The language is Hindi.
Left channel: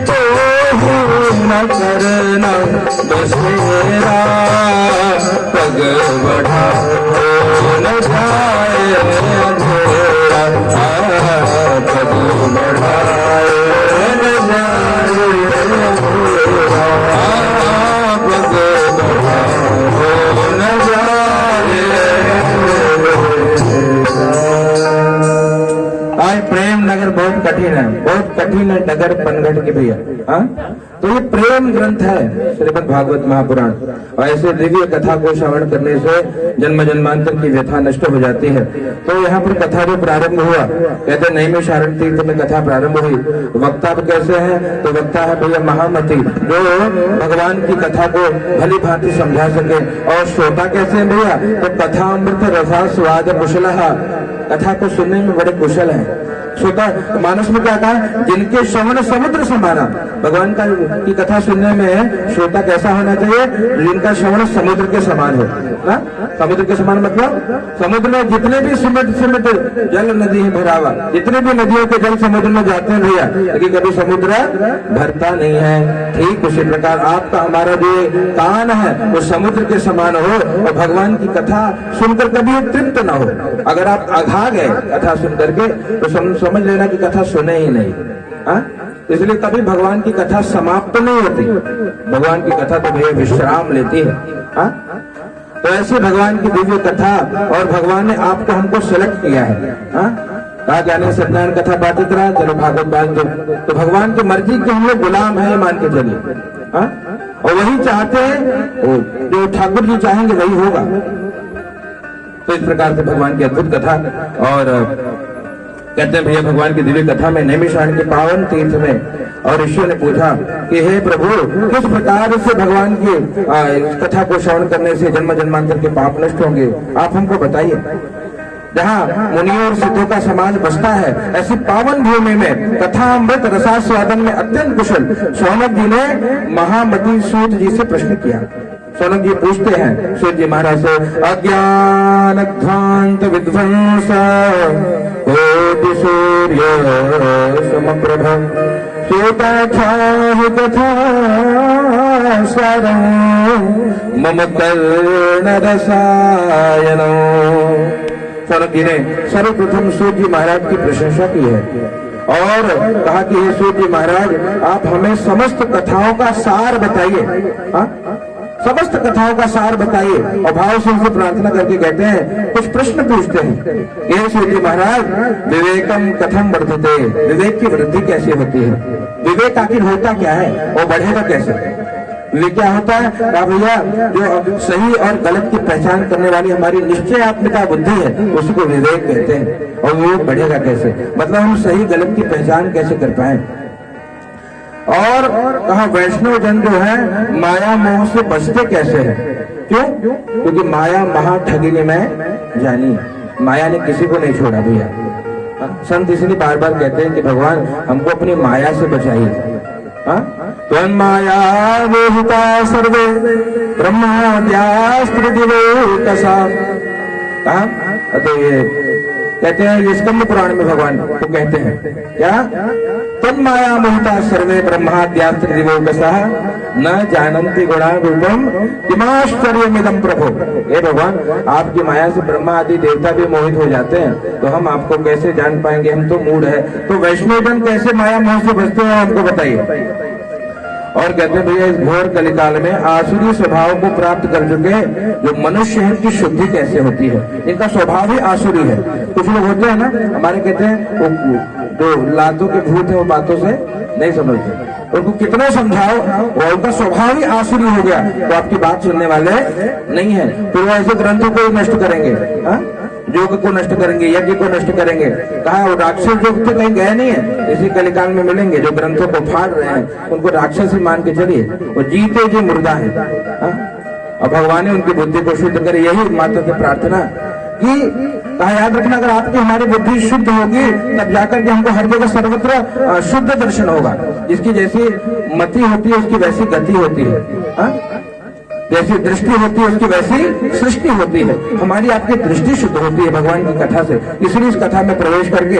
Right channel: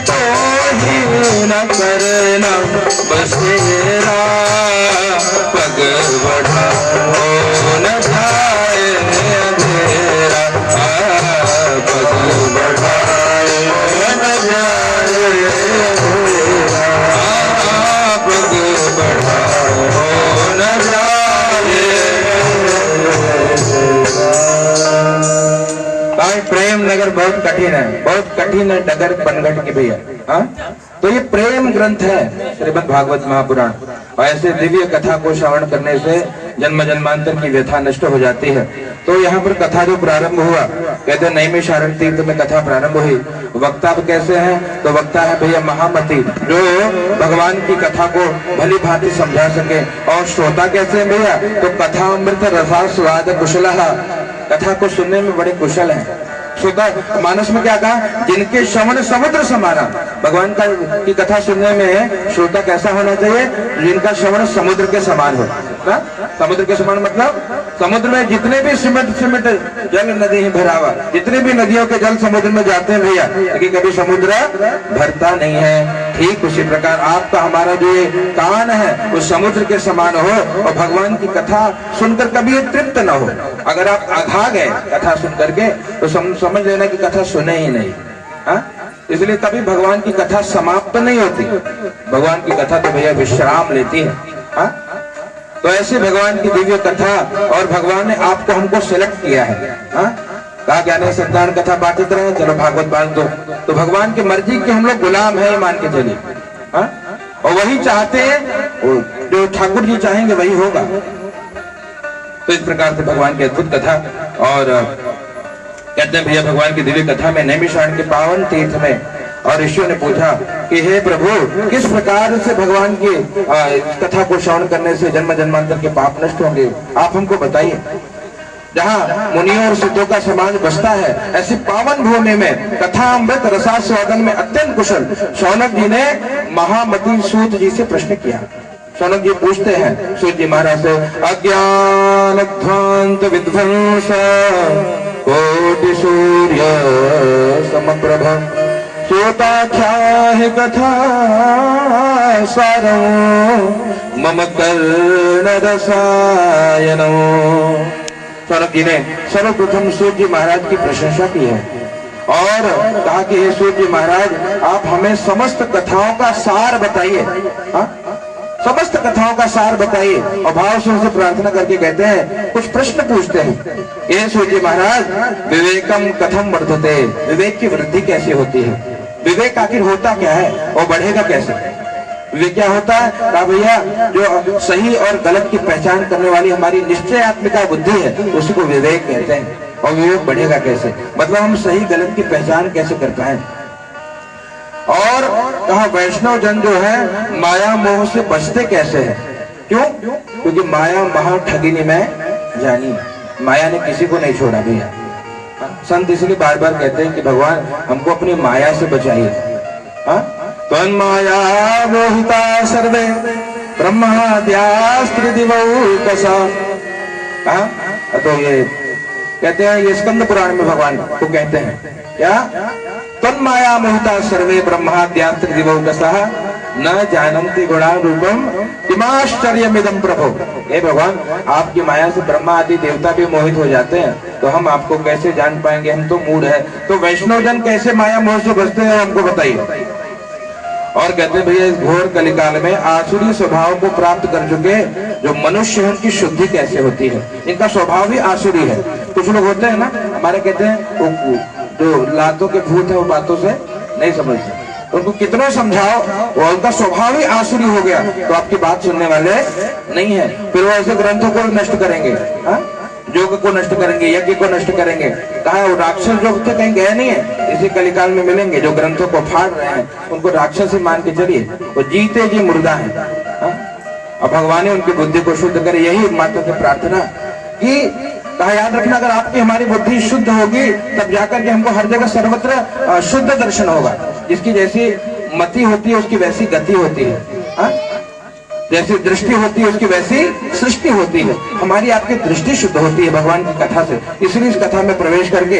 तो ही न करना बसेरा, पग बढ़ाओ न जाए अंधेरा, पग बढ़ाओ न जाए अंधेरा, पग बढ़ाओ न जाए अंधेरा। प्रेम नगर बहुत कठिन है, बहुत कठिन है डगर पनघट के भैया। हाँ, तो ये प्रेम ग्रंथ है श्रीमद् भागवत महापुराण, और ऐसे दिव्य कथा को श्रवण करने से जन्म जन्मांतर की व्यथा नष्ट हो जाती है। तो यहाँ पर कथा जो प्रारंभ हुआ, कहते नैमिषारण्य तीर्थ में कथा प्रारंभ हुई। वक्ता कैसे है? तो वक्ता है भैया महामती, जो भगवान की कथा को भली भांति समझा सके। और श्रोता कैसे है भैया? तो कथा अमृत रसा स्वाद कुशल, कथा को सुनने में बड़े कुशल है। श्रोता मानस में क्या कहा? जिनके श्रवण समुद्र समाना, भगवान का की कथा सुनने में श्रोता कैसा होना चाहिए? जिनका श्रवण समुद्र के समान हो। ना? समुद्र के समान मतलब समुद्र में जितने भी सिमट सिमट जल नदी है भरावा, जितने भी नदियों के जल समुद्र में जाते हैं भैया, लेकिन कभी समुद्र भरता नहीं है। ठीक उसी प्रकार आपका हमारा जो कान है वो समुद्र के समान हो, और भगवान की कथा सुनकर कभी तृप्त न हो। अगर आप अघा गए कथा सुन करके तो समझ लेना कि कथा सुने ही नहीं। इसलिए कभी भगवान की कथा समाप्त नहीं होती, भगवान की कथा तो भैया विश्राम लेती है। तो ऐसे भगवान की दिव्य कथा, और भगवान ने आपको हमको सिलेक्ट किया है। कहा क्या नहीं, सत्यान कथा बांटते रहा, चलो भागवत बांट दो। तो भगवान की मर्जी के हम लोग गुलाम है, मान के चलिए। और वही चाहते हैं, जो ठाकुर जी चाहेंगे वही होगा। तो इस प्रकार से भगवान की अद्भुत कथा। और कहते हैं भैया भगवान की दिव्य कथा में नैमिषारण्य के पावन तीर्थ में, और ऋषियों ने पूछा कि हे प्रभु, किस प्रकार से भगवान की कथा को श्रवण करने से जन्म जन्मांतर के पाप नष्ट होंगे, आप हमको बताइए। जहाँ मुनियों और सिद्धों का समाज बसता है, ऐसी पावन भूमि में कथा अमृत रसास्वादन में अत्यंत कुशल शौनक जी ने महामती सूत जी से प्रश्न किया। शौनक जी पूछते हैं सूत जी महाराज से, अज्ञान ध्वांत विध्वंस कोटि सूर्य समप्रभ, श्रोताख्याहि कथा सारं मम कर्ण रसायन। शौनक जी ने सर्वप्रथम सूत जी महाराज की प्रशंसा की है और कहा कि हे सूत जी महाराज, आप हमें समस्त कथाओं का सार बताइए। समस्त कथाओं का सार बताइए। और भाव से उनसे प्रार्थना करके कहते हैं, कुछ प्रश्न पूछते हैं। ये सूत जी महाराज, विवेकम कथम वर्धते, विवेक की वृद्धि कैसे होती है? विवेक आखिर होता क्या है और बढ़ेगा कैसे? विवेक क्या होता है? कहा भैया, जो सही और गलत की पहचान करने वाली हमारी निश्चयात्मिका बुद्धि है, उसी को विवेक कहते हैं। और विवेक बढ़ेगा कैसे? मतलब हम सही गलत की पहचान कैसे कर पाए। और कहा वैष्णव जन जो है माया मोह से बचते कैसे है? क्यों? क्योंकि माया महा ठगिनी में जानी, माया ने किसी को नहीं छोड़ा भैया। संत इसलिए बार बार कहते हैं कि भगवान हमको अपनी माया से बचाइए। त्वन्माया मोहिता सर्वे ब्रह्माद्यास्त्रिदिवौकसा। तो ये कहते हैं, ये स्कंद पुराण में भगवान को कहते हैं क्या? तन्माया मोहिता सर्वे ब्रह्माद्यास्त्रिदिवौकसः न जानन्ति गुणान् रूपम किमाश्चर्यमिदं प्रभो। हे भगवान, आपकी माया से ब्रह्मा आदि देवता भी मोहित हो जाते हैं, तो हम आपको कैसे जान पाएंगे? हम तो मूढ़ है। तो वैष्णव जन कैसे माया मोह से बचते हैं, हमको बताइए। और कहते हैं भैया, इस घोर कलिकाल में आसुरी स्वभाव को प्राप्त कर चुके जो मनुष्य है, उनकी शुद्धि कैसे होती है? इनका स्वभाव ही आसुरी है। कुछ लोग होते हैं ना, हमारे कहते हैं वो जो लातों के भूत है, वो बातों से नहीं समझते, उनको कितना समझाओ वो उनका स्वभाव ही आसुरी हो गया, तो आपकी बात सुनने वाले नहीं है। फिर वो ऐसे ग्रंथों को नष्ट करेंगे, योग को नष्ट करेंगे, यज्ञ को नष्ट करेंगे। कहा वो राक्षस योग तो कहीं गए नहीं है, इसी कलिकाल में मिलेंगे। जो ग्रंथों को फाड़ रहे हैं उनको राक्षस ही मान के चलिए, वो जीते जी मुर्दा है। और भगवान ने उनकी बुद्धि को शुद्ध करे, यही माता से प्रार्थना कि कहा याद रखना, अगर आपकी हमारी बुद्धि शुद्ध होगी तब जाकर के हमको हर जगह सर्वत्र शुद्ध दर्शन होगा। जिसकी जैसी मति होती है उसकी वैसी गति होती है, जैसी दृष्टि होती है उसकी वैसी सृष्टि होती है। हमारी आपकी दृष्टि शुद्ध होती है भगवान की कथा से, इसलिए इस कथा में प्रवेश करके